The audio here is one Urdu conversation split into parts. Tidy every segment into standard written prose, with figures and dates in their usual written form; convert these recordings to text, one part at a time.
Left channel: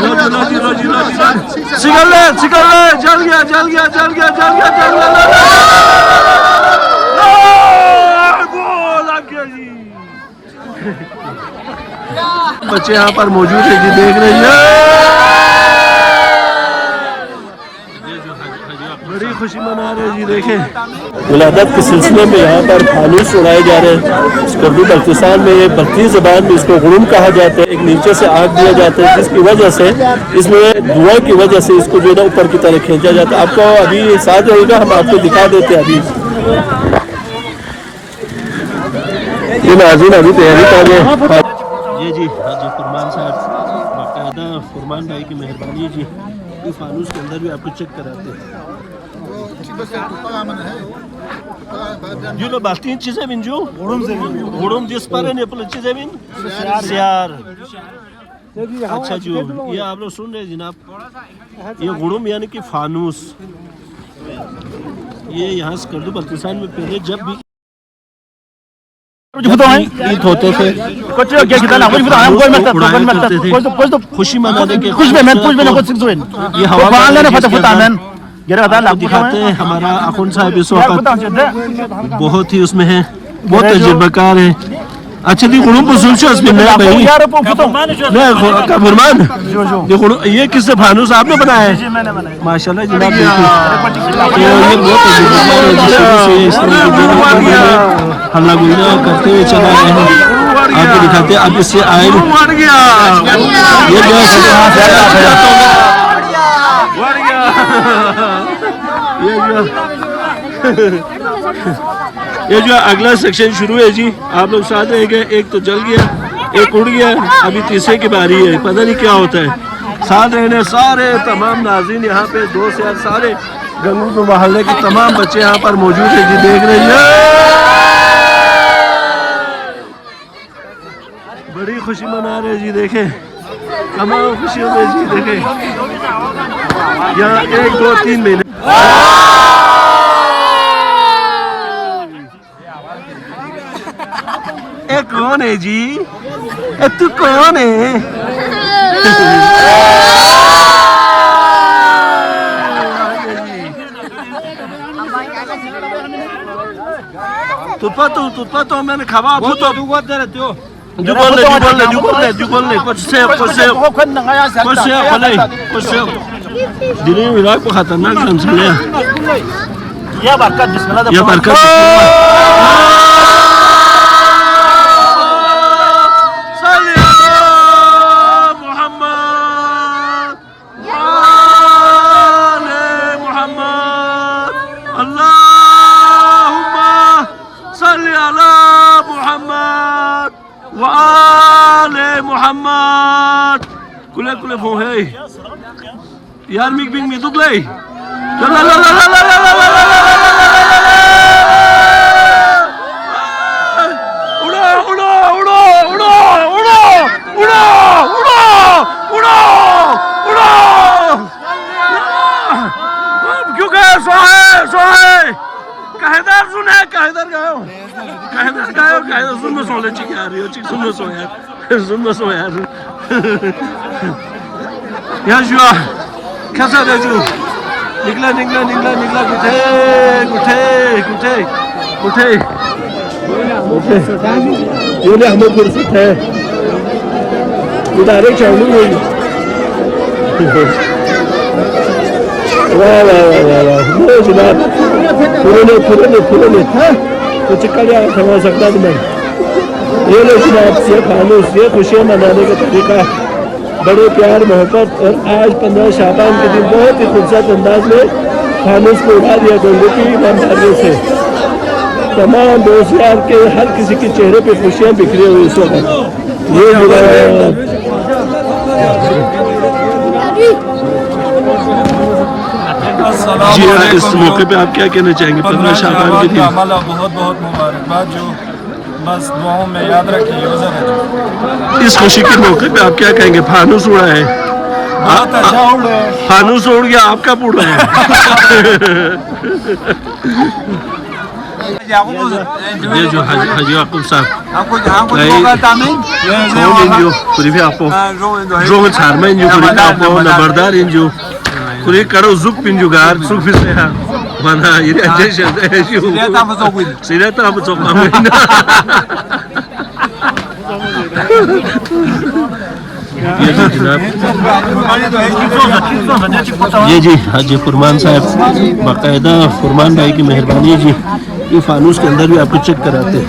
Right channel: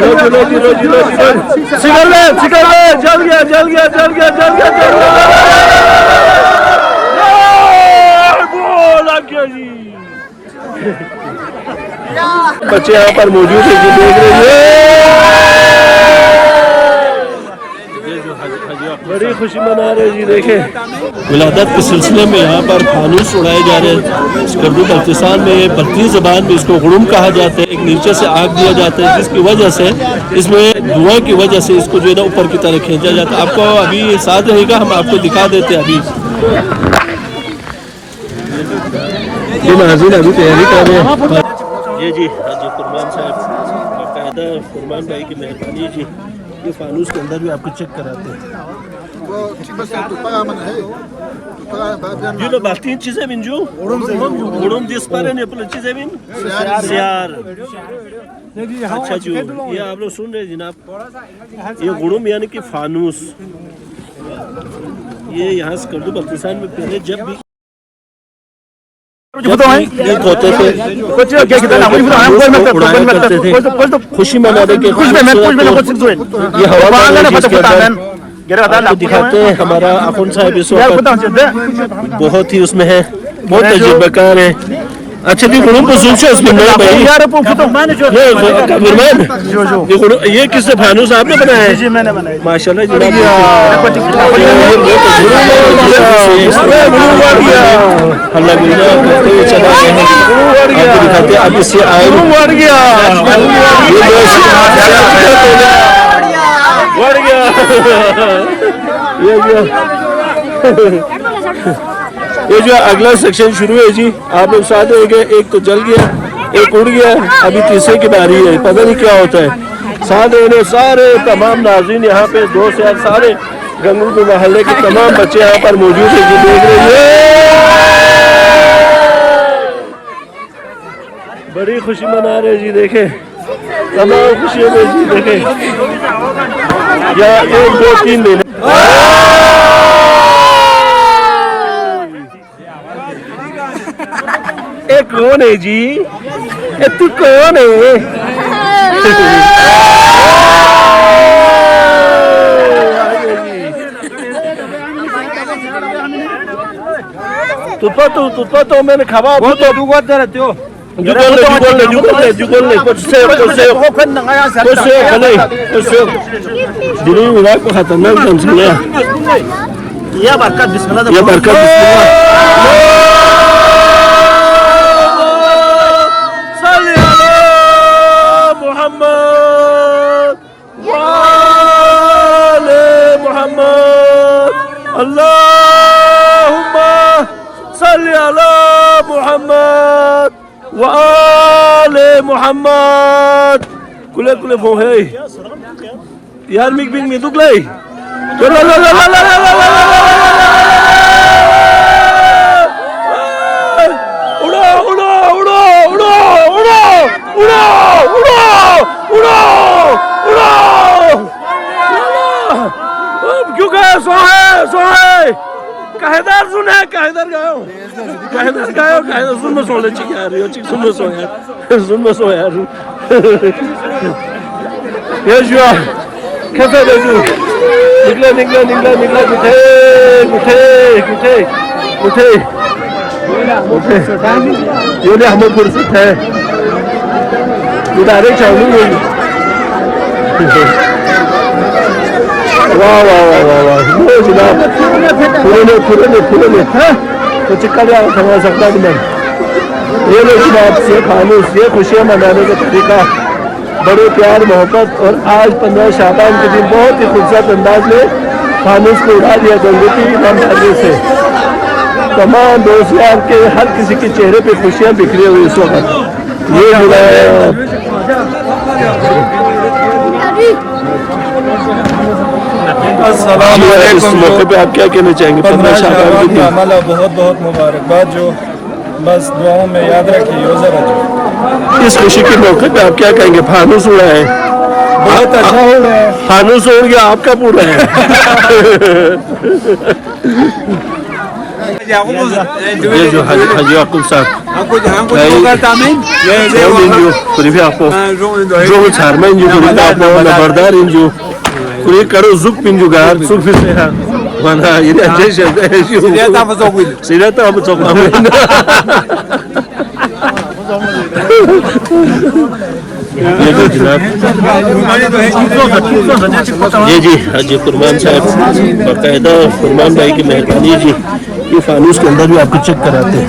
جل گیا بول آ گیا جی. بچے یہاں پر موجود ہیں جی, دیکھ رہے ہیں بڑی خوشی منا رہے جی. دیکھیں ولادت کے سلسلے میں یہاں پر فانوس اڑائے جا رہے ہیں. اردو بلوچستان میں بلتی زبان میں اس کو غڑوم کہا جاتا ہے. ایک نیچے سے آگ دیا جاتا ہے جس کی وجہ سے اس میں دھواں کی وجہ سے اس کو جو ہے نا اوپر کی طرح کھینچا جاتا ہے. آپ کو ابھی ساتھ رہے گا, ہم آپ کو دکھا دیتے ہیں. ابھی یہ ناظرین ابھی تیاری کر رہے ہیں. یہ جی حاجی فرمان صاحب باقاعدہ, فرمان بھائی کی مہربانی جی. یہ فانوس کے اندر بھی آپ کو چیک کراتے ہیں. جو باقی چیزیں بن جو غڑوم جس پر چیزیں بن سیار. اچھا جو یہ آپ لوگ سن رہے ہیں جناب, یہ غڑوم یعنی کہ فانوس. یہ یہاں اسکردو بلوچستان میں پہلے جب بھی عید ہوتے تھے اڑایا کرتے تھے خوشی منانے کے. یہ ہوا آپ کو دکھاتے ہیں. ہمارا اخون صاحب اس وقت بہت ہی اس میں ہے, بہت تجربہ کار ہے. اچھا بھی غڑوم کو سنچو اس میں نئے بھائی فرمان, یہ کس سے فانوس آپ نے بنایا ہے؟ ماشاء اللہ جناب. یہ بہت تجربہ ہلہ گلہ کرتے ہوئے چلا رہے ہیں. آپ کو دکھاتے ہیں. اب اس سے آئے یہ جو اگلا سیکشن شروع ہے جی. آپ لوگ ساتھ رہے گئے. ایک تو جل گیا, ایک اڑ گیا, ابھی تیسرے کی باری ہے. پتہ نہیں کیا ہوتا ہے. ساتھ رہنے سارے تمام ناظرین یہاں پہ دوست یار سارے گنگو محلے کے تمام بچے یہاں پر موجود ہیں جی. دیکھ رہے ہیں بڑی خوشی منا رہے جی. دیکھیں تمام خوشیوں میں جی. دیکھیں یہاں 1 2 3 مہینے. اے کون ہے جی؟ اے تو کون ہے؟ تو میں نے کھوا کو خطرناک دم سے لیا. یہ برکت بسم اللہ. اللہم صلی علی محمد وآل محمد. کلے کلے فون ہے یار میک بینگ میں دکھ لئی. اڑا اڑا اڑا اڑا اڑا اڑا اڑا اڑا اڑا. کیوں کہ سوائے کہدار سنے کہدار گاؤ سن میں سو لے چکی آ رہی ہو. چک سن میں سو یار یہ جو کیسا دے جو نکلا گٹھے یہ لے ہمیں فرصت ہے ادارے چاہوں گی. واہ واہ واہ واہ واہ جناب. پھولنے تو چکا جا سمجھ سکتا تمہیں. یہ لوگ جناب سے فانوس یہ خوشیاں منانے کا طریقہ بڑے پیار محبت. اور آج 15 شعبان کے دن بہت ہی خوبصورت انداز میں فانوس کو اڑا دیا گنگو کی امامداری سے. تمام دوست یار کے ہر کسی کے چہرے پہ خوشیاں بکھری ہوئی اس وقت. یہ جی اس موقع پہ آپ کیا کہنا چاہیں گے؟ 15 شعبان کے دن بہت بہت مبارکباد. جو بس دعاؤں میں یاد رکھیے ذرا جی. اس خوشی کے موقع پہ آپ کیا کہیں گے؟ فانوس اڑا ہے, بہت اچھا اڑ رہا ہے. فانوس اڑ گیا, آپ کب اڑ رہے ہیں؟ یہ جو حاجی یعقوب صاحب قریبی آپ کو جو چھارمہ انجو قریبی آپ کو نبردار انجو قریبی کرو زک پنجو گار سوک فیسے ہاں وانا یہ اجھے شہدہ ہے جو سیریتا ہم چوک آمین یہ جو جناب یہ جی حاجی فرمان صاحب باقاعدہ فرمان بھائی کی مہربانی جی یہ فانوس کے اندر بھی آپ کو چیک کراتے ہیں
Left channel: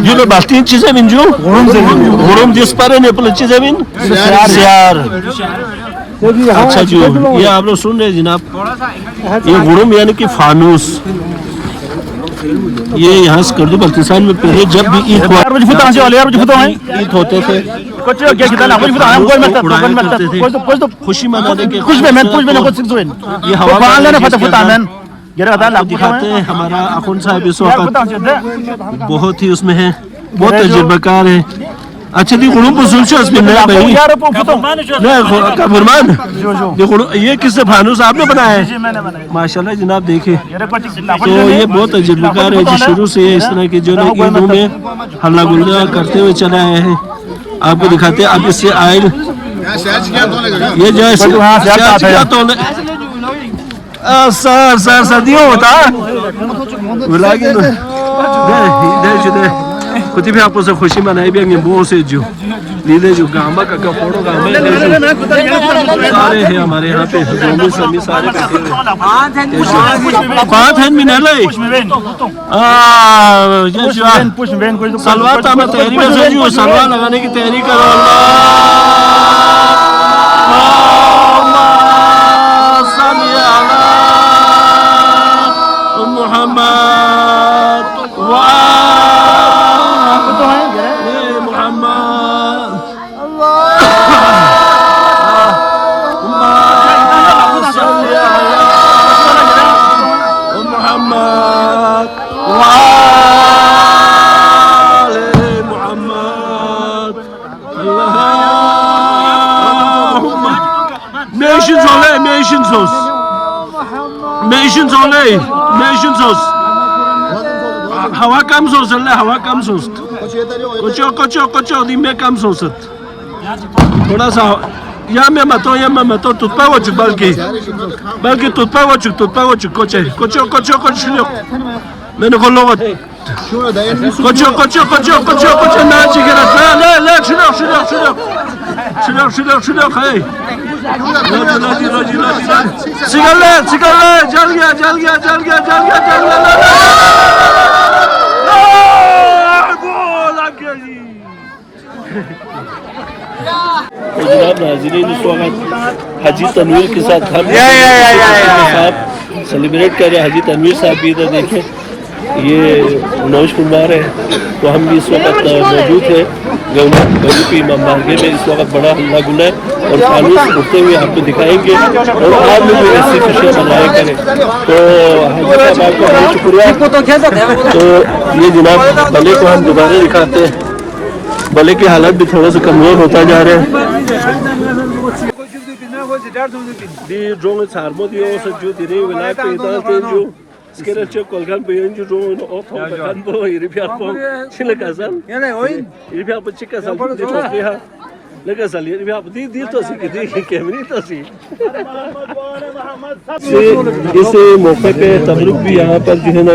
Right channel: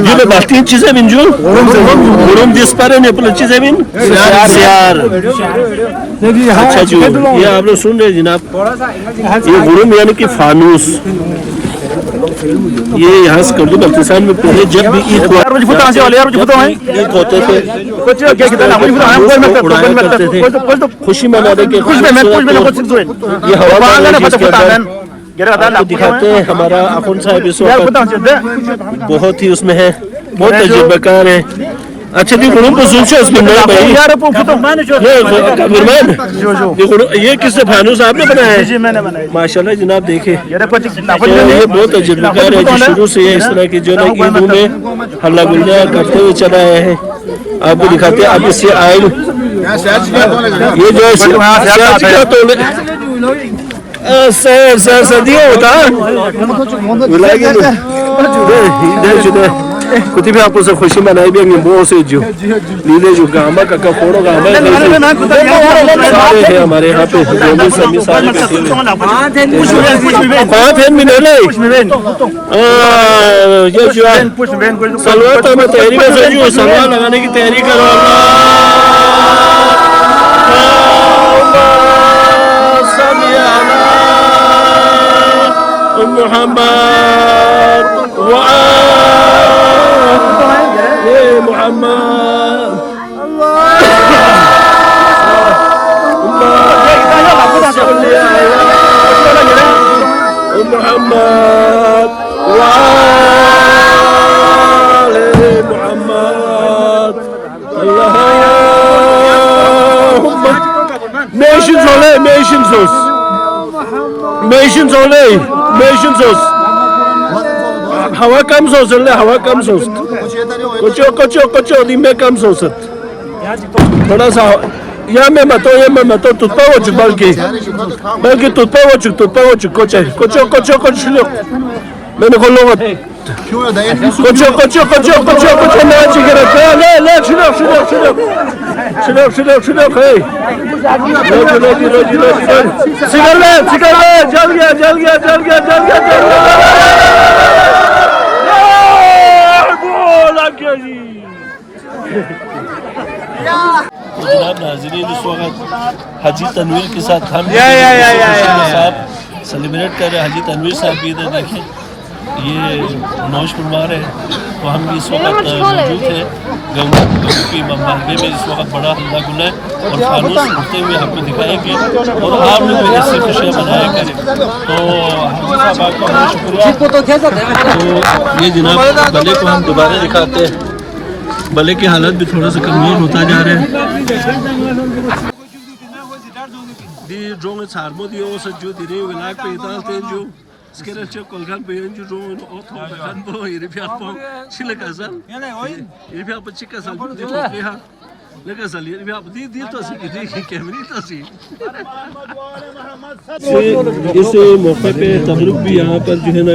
یہ لو باشتین چیزیں بن جو غرم جس پر ہے نیپل چیزیں بن سیار اچھا جو یہ آپ لوگ سن رہے جناب یہ غرم یعنی کہ فانوس یہ یہاں سے کردو بلتستان میں پہلے جب بھی عید ہوتے تھے اڑایا کرتے تھے خوشی منانے کے یہ ہوا آپ کو دکھاتے ہیں ہمارا اخون صاحب اس وقت بہت ہی اس میں ہے بہت تجربہ کار ہے اچھا دی غروم پر سنچو اس میں نئے بھائی فرمان یہ کس سے بھانوس آپ نے بنایا ہے ماشاءاللہ جناب دیکھیں تو یہ بہت تجربہ کار ہے جو شروع سے یہ اس طرح کی جو عیدوں میں ہلہ گلہ کرتے ہوئے چلا آئے ہیں آپ کو دکھاتے ہیں اب اس سے آئل یہ جو ہے سیاچ کیا تولے سر صدیوں ہوتا بلائے گے کتی بھی آپ سے خوشی منائی بھی ہیں بہت سے جو لیلے جو گاما کا فوڑو گاما ہے جو سارے ہیں ہمارے یہاں پہ دومی سمی سارے بیٹھے ہوئے پانچ ہیں بھی نہیں لائی یہ جو سلوار تھا میں تحریک سے جو سلوار لگانے کی تحریک کرو اللہم صلی علی محمد محمد صلی علی محمد وآل محمد اللہم nations olay nations hava kam sosun hava kam sos kocho dime kam sosut thoda sa ya me mato tutpa ochuk balki tutpa ochuk kocho meni kollogot kocho na chigara la şunu hey Roji sigara jal gaya جناب ناظرین اس وقت حاجی تنویر کے ساتھ ہم اسی خوشی کے ساتھ سیلیبریٹ کر رہے ہیں حاجی تنویر صاحب بھی ادھر دیکھیں یہ نوش کمار ہے تو ہم بھی اس وقت موجود ہیں کی امام بارگاہ میں اس وقت بڑا ہلہ گلا ہے اور فانوس اٹھتے ہوئے آپ کو دکھائیں گے اور آپ بھی ایسی خوشیاں منایا کریں تو حاجی صاحب آپ کا بہت شکریہ تو یہ جناب بلے کو ہم دوبارہ دکھاتے ہیں بلے کی حالت بھی تھوڑا سا کمزور ہوتا جا رہا ہے دی جونگ چھارمو دی اوسا جو دیرے ولائق پہ ادالتے جو سکرل چه کلگان بیان جو رو اینو آتام بکن با ایری پیاد با چی لکازن؟ ایری پیاد با چی کسال دی توقی ها لکازال ایری پیاد با دی تاسی که دی کمینی تاسی اس موقع پہ تبرک بھی یہاں پر جو ہے نا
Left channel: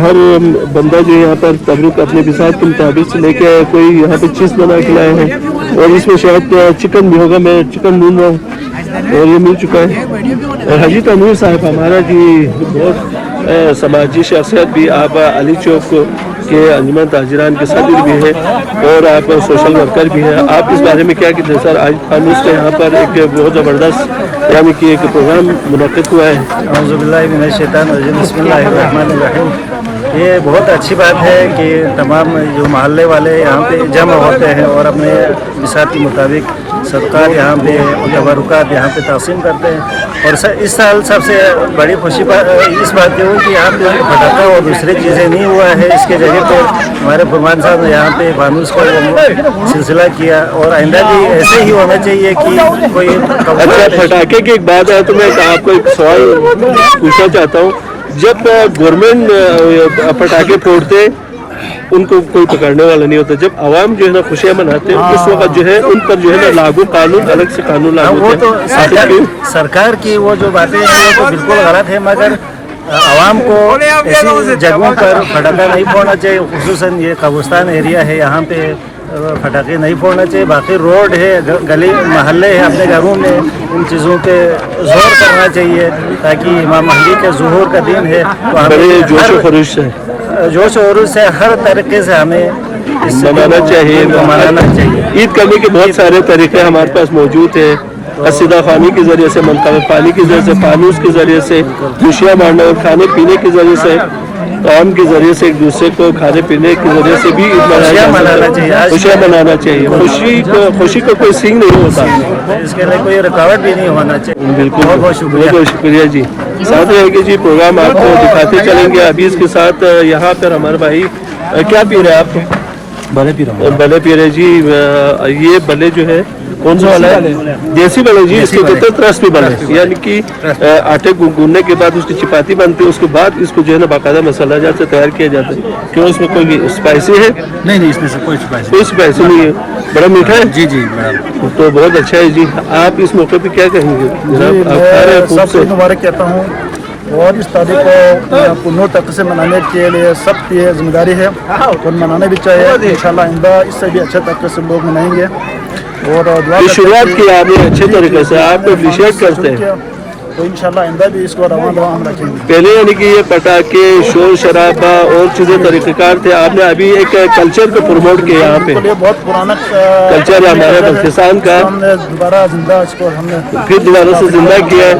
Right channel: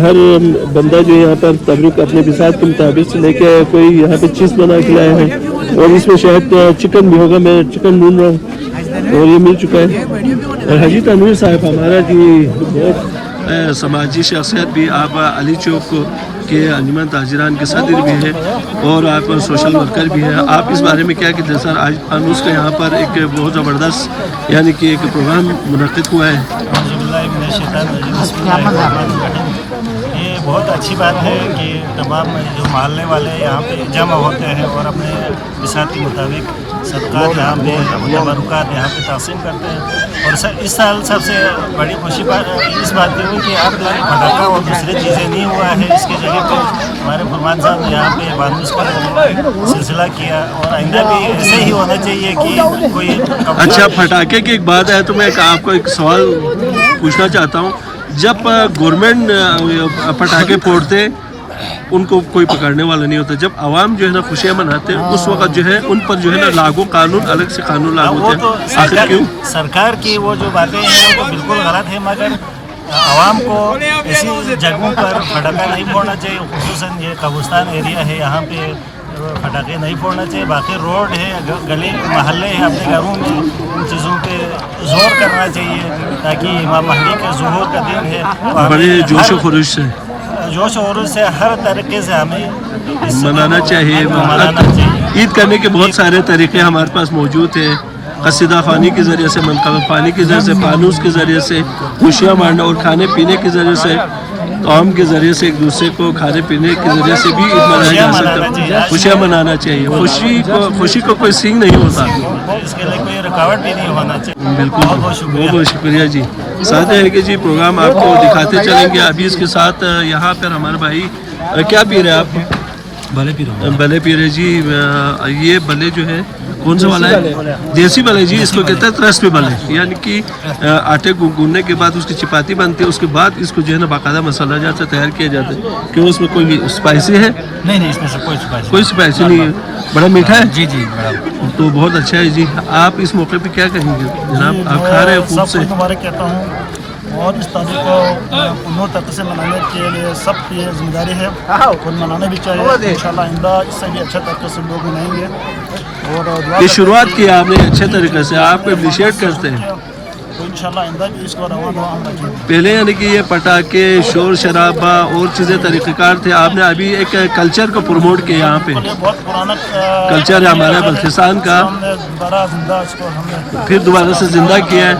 ہر بندہ جو یہاں پر تبرک اپنے بساط کے مطابق سے لے کے کوئی یہاں پہ چیز بنا کے لائے ہیں اور اس میں شاید چکن بھی ہوگا میں چکن ڈھونڈ رہا ہوں اور یہ مل چکا ہے اور حاجی تنویر صاحب ہمارا جی بہت سماجی شخصیت بھی آپ علی چوک کے انجمن تاجران کے صدر بھی ہیں اور آپ سوشل ورکر بھی ہیں آپ اس بارے میں کیا کہتے ہیں سر آج فانوس کا یہاں پر ایک بہت زبردست یعنی کہ ایک پروگرام منعقد ہوا ہے اعوذ باللہ من الشیطان الرجیم بسم اللہ الرحمن الرحیم یہ بہت اچھی بات ہے کہ تمام جو محلے والے یہاں پہ جمع ہوتے ہیں اور اپنے بساط کے مطابق صدقات یہاں پہ تبرکات یہاں پہ تقسیم کرتے ہیں. اور اس سال سب سے بڑی خوشی اس بات کی ہو کہ یہاں پہ پٹاخہ اور دوسری چیزیں نہیں ہوا ہے. اس کے جگہ پہ ہمارے فرمان صاحب نے یہاں پہ فانوس کا وہ سلسلہ کیا اور آئندہ بھی ایسے ہی ہونا چاہیے کہ کوئی. اچھا پٹاخے کی ایک بات ہے تو میں آپ کو ایک سوال پوچھنا چاہتا ہوں. جب گورنمنٹ پٹاخے پھوڑتے ان کو کوئی پکڑنے والا نہیں ہوتا, جب عوام جو ہے نا خوشیاں مناتے ہیں اس وقت جو ہے ان پر جو ہے نا لاگو قانون الگ سے قانون لاگو ہوتے ہیں. آخر کیوں؟ سرکار کی وہ جو باتیں ہیں وہ تو بالکل غلط ہے, مگر عوام کو ایسی جگہوں پر پٹاخہ نہیں پھوڑنا چاہیے. خصوصاً یہ قبرستان ایریا ہے, یہاں پہ پٹاخے نہیں پھوڑنا چاہیے. باقی روڈ ہے, گلی محلے ہیں, اپنے گھروں میں ان چیزوں پہ زور کرنا چاہیے تاکہ امام مہدی کے ظہور کا دن ہے تو بڑے جوش و خروش سے ہر طریقے سے ہمیں منانا چاہیے. عید کرنے کے بہت سارے طریقے ہمارے پاس موجود ہیں. قصیدہ خوانی کے ذریعے سے, منقبت پانی کے ذریعے سے, فانوس کے ذریعے سے, خوشیاں مارنا اور کھانے پینے کے ذریعے سے, طعام کے ذریعے سے, ایک دوسرے کو کھانے پینے کے ذریعے سے بھی عید منایا جا سکتا ہے. خوشیاں منانا چاہیے. خوشی کو کوئی سنگ نہیں ہوتا, اس کے لیے کوئی رکاوٹ بھی نہیں ہونا چاہیے. بالکل. بہت بہت شکریہ جی. ساتھ رہے گی جی, پروگرام آپ کو دکھاتے چلیں گے. ابھی اس کے ساتھ یہاں پر ہمارے بھائی کیا پی رہے ہیں آپ؟ بلے پی رہا ہوں. بلے پی رہے جی. یہ بلے جو ہے کون سا والا ہے؟ دیسی بلے جی. اس کو کہتے ہیں ترسپی بلے, یعنی کہ آٹے گوننے کے بعد اس کی چپاتی بنتی ہے, اس کے بعد اس کو جو ہے نا باقاعدہ مسالہ جات سے تیار کیا جاتا ہے. کیوں اس میں کوئی اسپائسی ہے؟ نہیں اس میں سے کوئی اسپائسی نہیں ہے. بڑا میٹھا ہے جی تو بہت اچھا ہے جی. آپ اس موقع پہ کیا کہیں گے جناب؟ آپ کھا رہے ہیں خوب سے. مبارک کہتا ہوں اور اس تاریخ کو پرنور طریقے سے منانے کے لیے سب کی ذمہ داری ہے اور منانا بھی چاہیے. انشاءاللہ آئندہ اس سے بھی اچھے طریقے سے لوگ منائیں گے. اور یہ شروعات کی آپ نے اچھے طریقے سے, آپ کو اپریشیٹ کرتے ہیں. تو انشاءاللہ آئندہ بھی اس کو رواں ہم رکھیں گے. پہلے یعنی کہ یہ پٹاخے, شور شرابہ اور چیزیں طریقہ کار تھے. آپ نے ابھی ایک کلچر کو پروموٹ کیا یہاں پہ. یہ بہت پرانا کلچر ہے ہمارے بلتستان کا, ہم نے دوبارہ زندہ اس کو ہم نے پھر دوبارہ سے زندہ کیا ہے.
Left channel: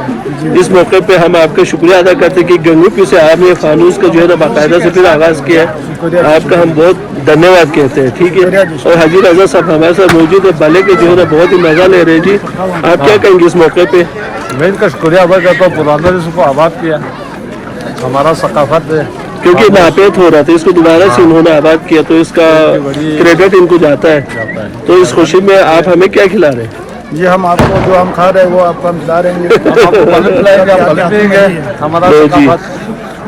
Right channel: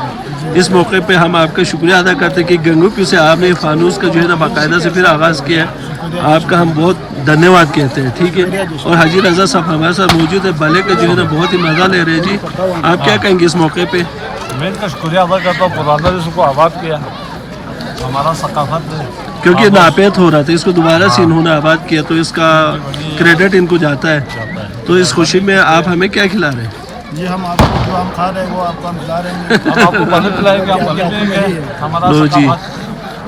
اس موقع پہ ہم آپ کا شکریہ ادا کرتے ہیں کہ گنگو سے آپ نے فانوس کا جو ہے نا باقاعدہ سے پھر آغاز کیا ہے. آپ کا ہم بہت دھنیہ واد کہتے ہیں. ٹھیک ہے. اور حاجی رضا صاحب ہمارے ساتھ موجود ہے, بلے کے جو ہے نا بہت ہی مزہ لے رہے جی. آپ کیا کہیں گے اس موقع پہ؟ میں ان کا شکریہ ادا کرتا ہوں. پرانا نے اس کو آباد کیا, ہمارا ثقافت ہے. کیونکہ ناپید ہو رہا تھا, اس کو دوبارہ سے انہوں نے آباد کیا تو اس کا کریڈٹ ان کو جاتا ہے. تو اس خوشی میں آپ ہمیں کیا کھلا رہے ہیں؟ جی ہم آپ کو جو ہم کھا رہے ہیں وہ آپ کو ہم کھلا رہے ہیں. ہمارا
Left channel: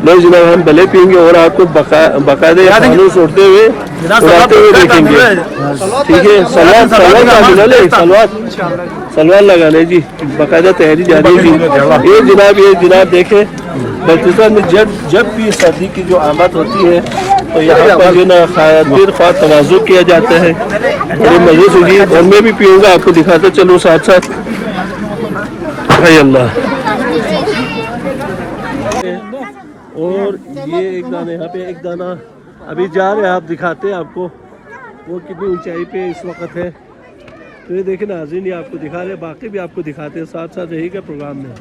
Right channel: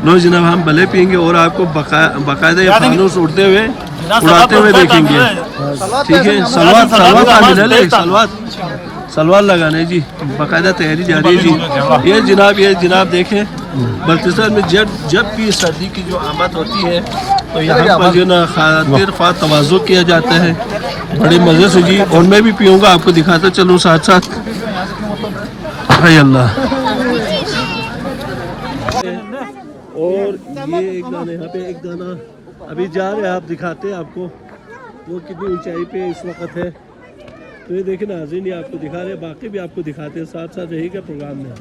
لو جناب, ہم بلے پئیں گے اور آپ کو باقاعدہ یہ فانوس اڑاتے ہوئے دیکھیں گے. ٹھیک ہے. سلوات لگانے جی, باقاعدہ تیاری جاری ہے جی. یہ جناب دیکھیں, بلتستان میں جب بھی سردی کی جو آمد ہوتی ہے تو یہاں پر جو نا خاطر خواہ تواضع کیا جاتا ہے بڑے مزے سے جی. اور میں بھی پیوں گا, آپ کو دکھاتا چلوں ساتھ ساتھ. بھائی اللہ. اور یہ ایک دانہ یہاں پہ, ایک دانہ ابھی جا رہے ہیں, آپ دکھاتے ہیں آپ کو وہ کتنی اونچائی پہ اس وقت ہے. تو یہ دیکھیں ناظرین, یہ آپ کو دکھا رہے ہیں, باقی بھی آپ کو دکھاتے ہیں. ساتھ ساتھ رہے گا پروگرام میں.